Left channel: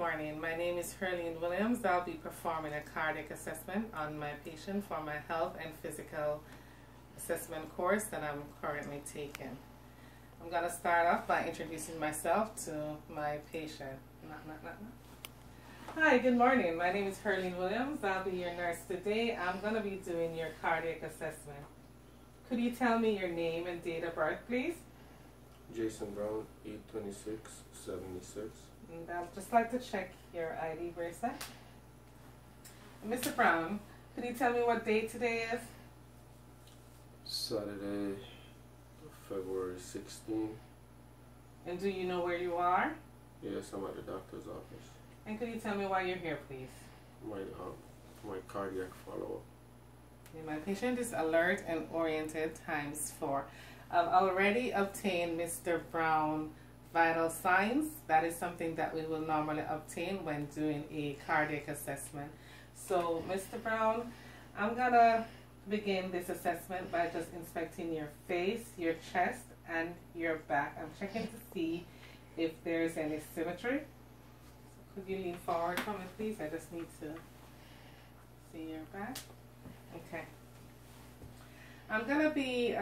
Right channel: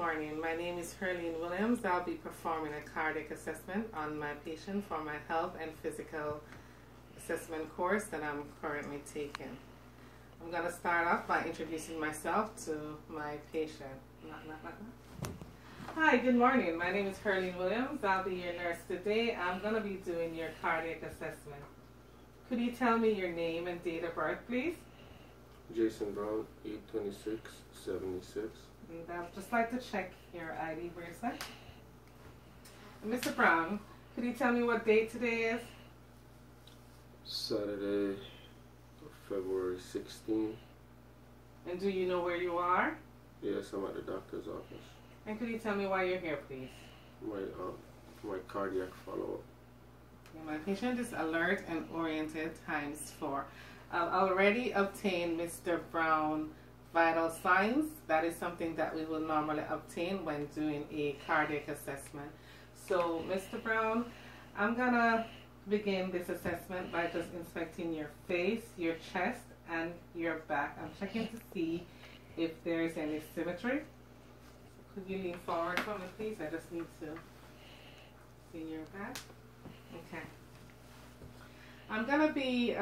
Morning. My name is Herline Williams. I'll be performing a cardiac assessment on my patient for my health and physical assessment course that I'm currently taking. I'm going to start off by introducing myself to my patient. Hi, good morning. My name is Herline Williams. I'll be your nurse today. I'm going to be doing your cardiac assessment. Could you tell me your name and date of birth, please? Jason Brown, 8/26/76. And I'd just like to check your ID bracelet. Mr. Brown, could you tell me what date today is? Saturday, February 16. And do you know where you are? Yes, I'm at the doctor's office. And could you tell me why you're here, please? My cardiac follow-up. Okay, my patient is alert and oriented ×4. I've already obtained Mr. Brown vital signs. That is something that we will normally obtain when doing a cardiac assessment. So, Mr. Brown, I'm gonna begin this assessment by just inspecting your face, your chest, and your back. I'm checking to see if there's any symmetry. So could you lean forward for me, please? I just need to see your back. Okay. I'm gonna be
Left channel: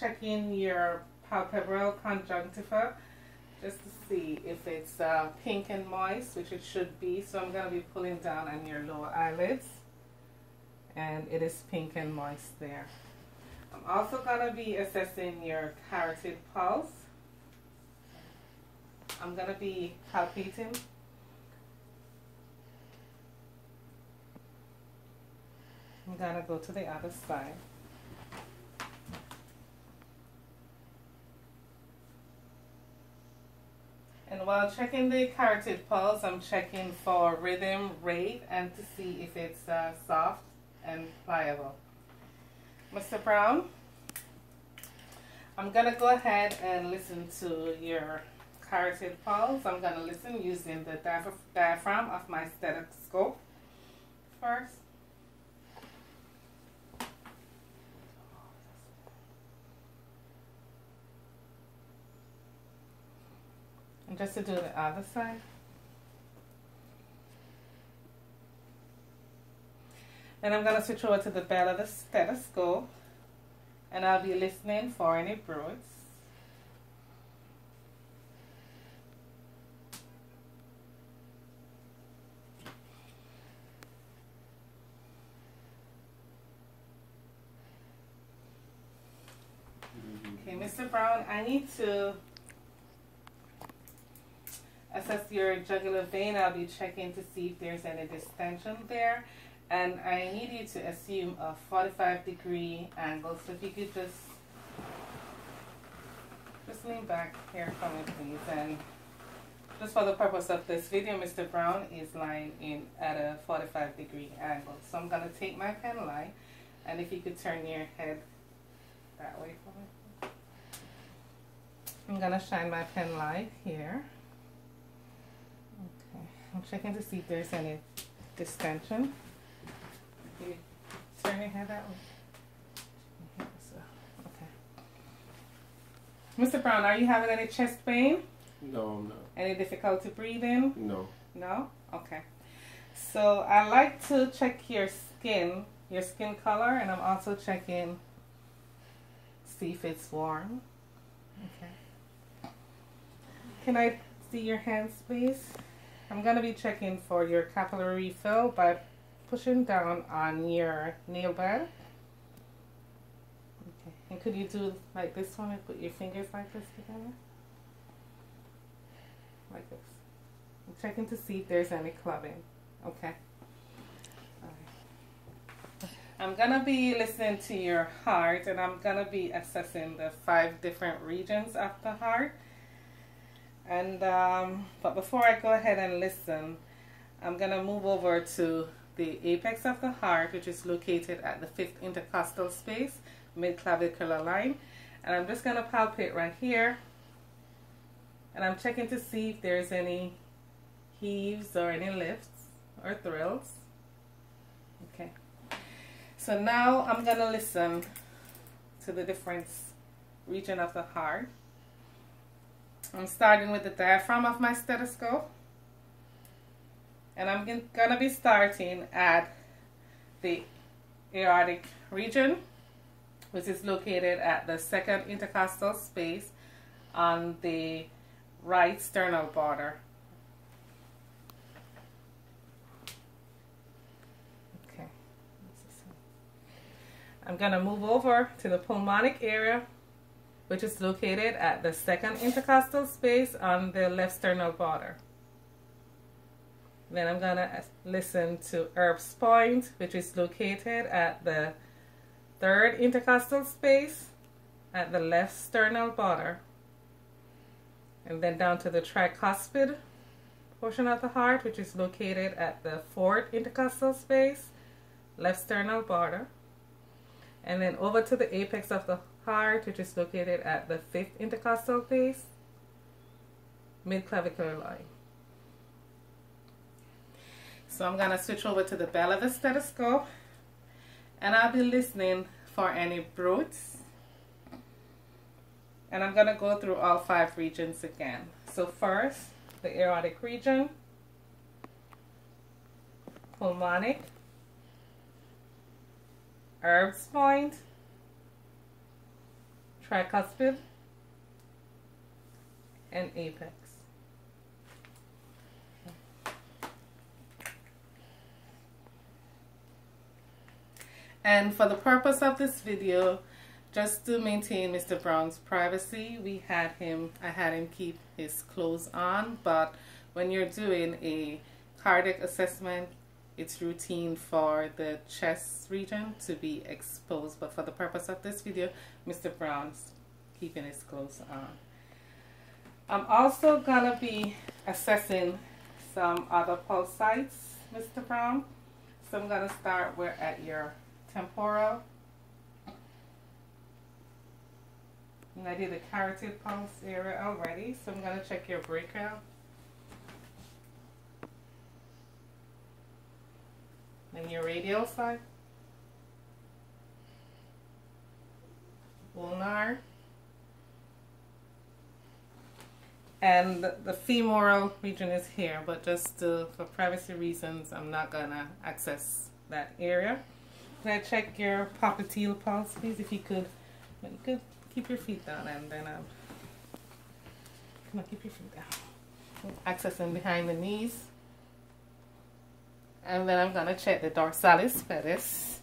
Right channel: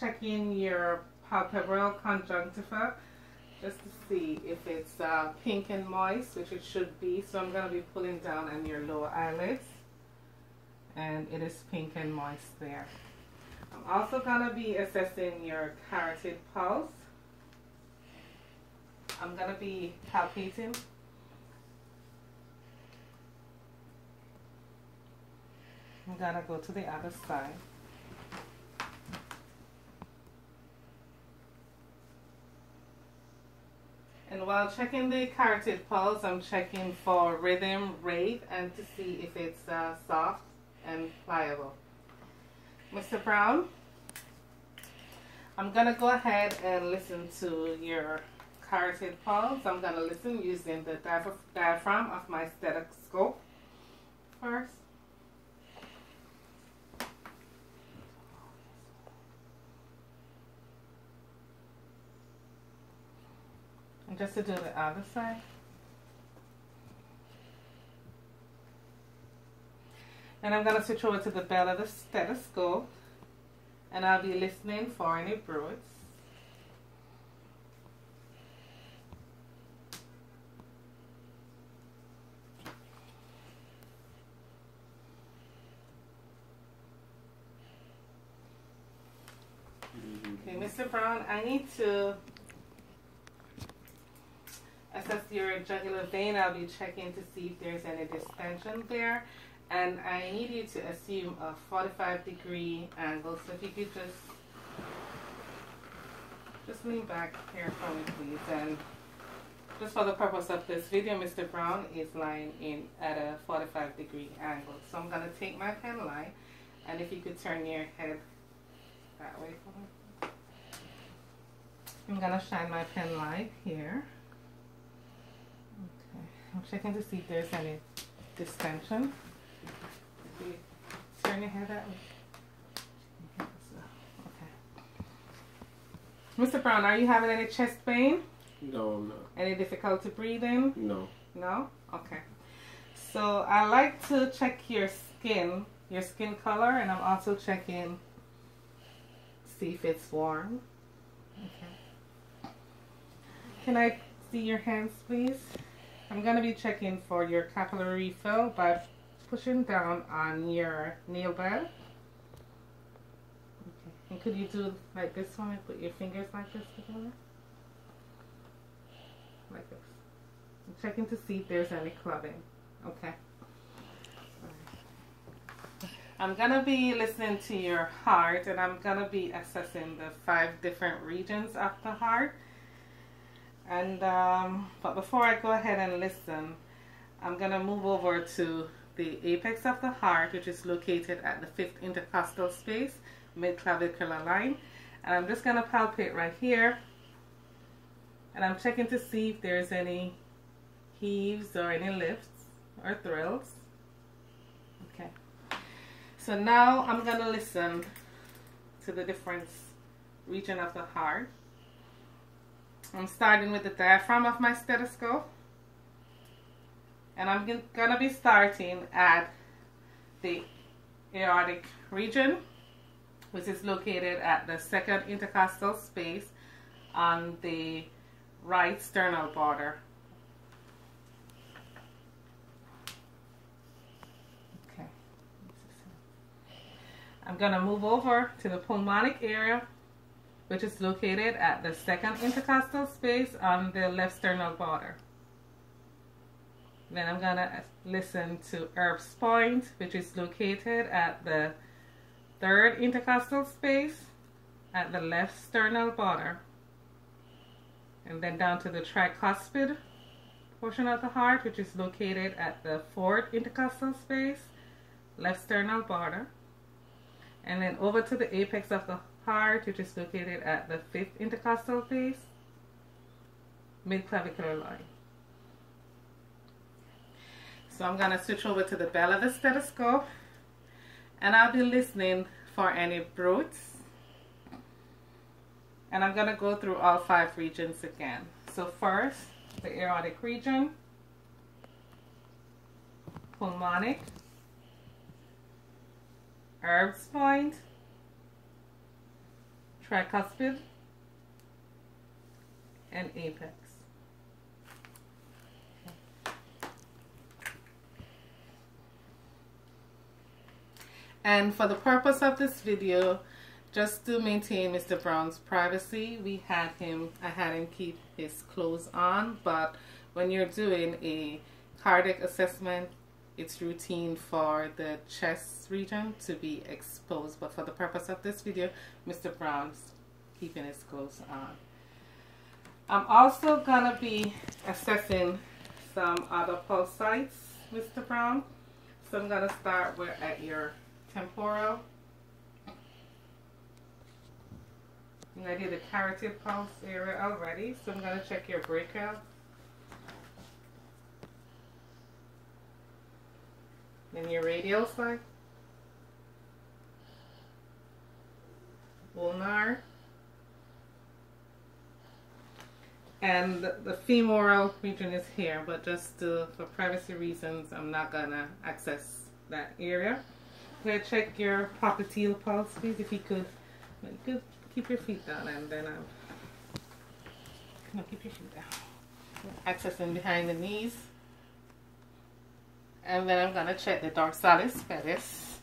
checking your palpebral conjunctiva just to see if it's pink and moist, which it should be. So I'm going to be pulling down on your lower eyelids, and it is pink and moist there. I'm also going to be assessing your carotid pulse. I'm going to be palpating. I'm going to go to the other side. And while checking the carotid pulse, I'm checking for rhythm, rate, and to see if it's soft and pliable. Mr. Brown, I'm going to go ahead and listen to your carotid pulse. I'm going to listen using the diaphragm of my stethoscope first. And just to do the other side. And I'm going to switch over to the bed of the stethoscope, and I'll be listening for any bruits. Okay, Mr. Brown, I need to assess your jugular vein. I'll be checking to see if there's any distension there, and I need you to assume a 45-degree angle. So if you could just lean back here for me, please. And just for the purpose of this video, Mr. Brown is lying in at a 45-degree angle. So I'm going to take my pen line, and if you could turn your head that way for me. I'm going to shine my pen light here. I'm checking to see if there's any distension. You turn your head that way. Okay. Mr. Brown, are you having any chest pain? No, I'm not. Any difficulty breathing? No. No? Okay. So I like to check your skin color, and I'm also checking see if it's warm. Okay. Can I see your hands, please? I'm going to be checking for your capillary refill by pushing down on your nail bed. Okay. And could you do like this one and put your fingers like this together? Like this. I'm checking to see if there's any clubbing. Okay. Right. I'm going to be listening to your heart, and I'm going to be assessing the 5 different regions of the heart. And but before I go ahead and listen, I'm going to move over to the apex of the heart, which is located at the 5th intercostal space, mid-clavicular line. And I'm just going to palpate right here. And I'm checking to see if there's any heaves or any lifts or thrills. Okay. So now I'm going to listen to the different region of the heart. I'm starting with the diaphragm of my stethoscope, and I'm gonna be starting at the aortic region, which is located at the second intercostal space on the right sternal border. Okay. I'm gonna move over to the pulmonic area, which is located at the second intercostal space on the left sternal border. Then I'm gonna listen to Erb's point, which is located at the third intercostal space at the left sternal border. And then down to the tricuspid portion of the heart, which is located at the fourth intercostal space, left sternal border. And then over to the apex of the heart, which is located at the fifth intercostal base, mid-clavicular line. So I'm going to switch over to the bell of the stethoscope, and I'll be listening for any bruits. And I'm going to go through all 5 regions again. So first, the aortic region, pulmonic, Erb's point, tricuspid, and apex. And for the purpose of this video, just to maintain Mr. Brown's privacy, I had him keep his clothes on, but when you're doing a cardiac assessment, it's routine for the chest region to be exposed. But for the purpose of this video, Mr. Brown's keeping his clothes on. I'm also gonna be assessing some other pulse sites, Mr. Brown. So I'm gonna start at your temporal. And I did the carotid pulse area already, so I'm going to check your breakout. Then your radial side. Ulnar. And the femoral region is here, but just for privacy reasons, I'm not going to access that area. I'm going to check your popliteal pulse, please, if you could. You could keep your feet down, and then come on, keep your feet down. Accessing behind the knees. And then I'm going to check the dorsalis pedis.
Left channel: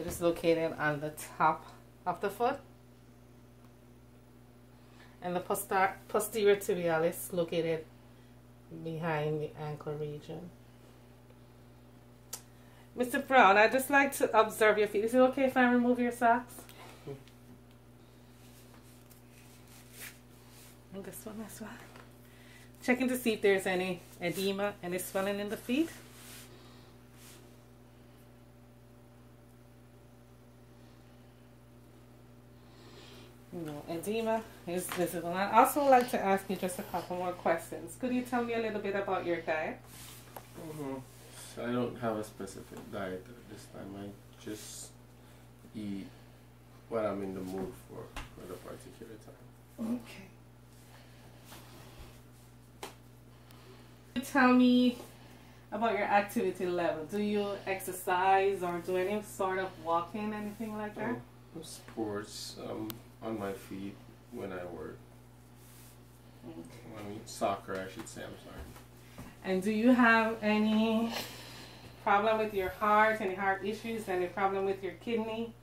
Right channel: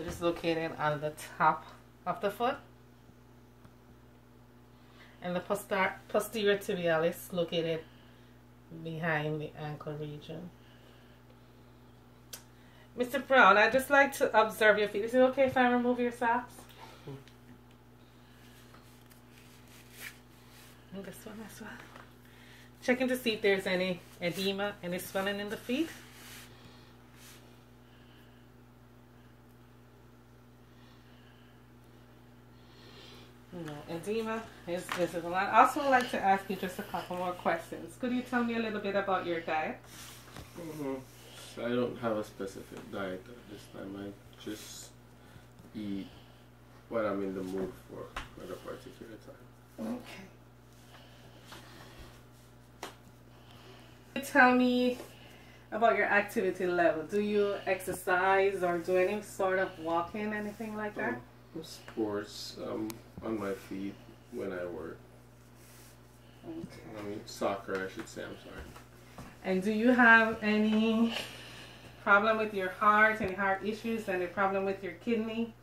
It is located on the top of the foot. And the posterior tibialis located behind the ankle region. Mr. Brown, I'd just like to observe your feet. Is it okay if I remove your socks? And this one as well. Checking to see if there's any edema, any swelling in the feet. No, edema is visible. I'd also like to ask you just a couple more questions. Could you tell me a little bit about your diet? So I don't have a specific diet at this time. I just eat what I'm in the mood for at a particular time. Okay. Tell me about your activity level. Do you exercise or do any sort of walking, anything like that? Sports, on my feet when I work. Okay. I mean, soccer, I should say. I'm sorry. And do you have any problem with your heart, any heart issues, any problem with your kidney?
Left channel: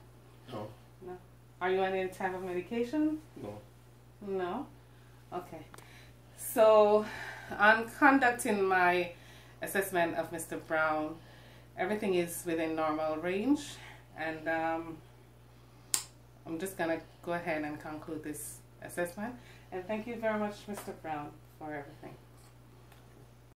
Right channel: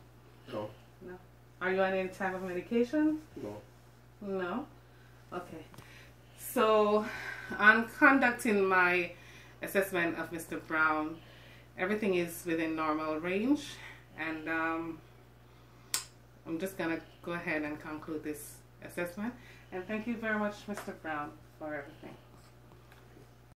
No. No. Are you on any type of medication? No. No? Okay. So, on conducting my assessment of Mr. Brown, everything is within normal range, and I'm just going to go ahead and conclude this assessment. And thank you very much, Mr. Brown, for everything.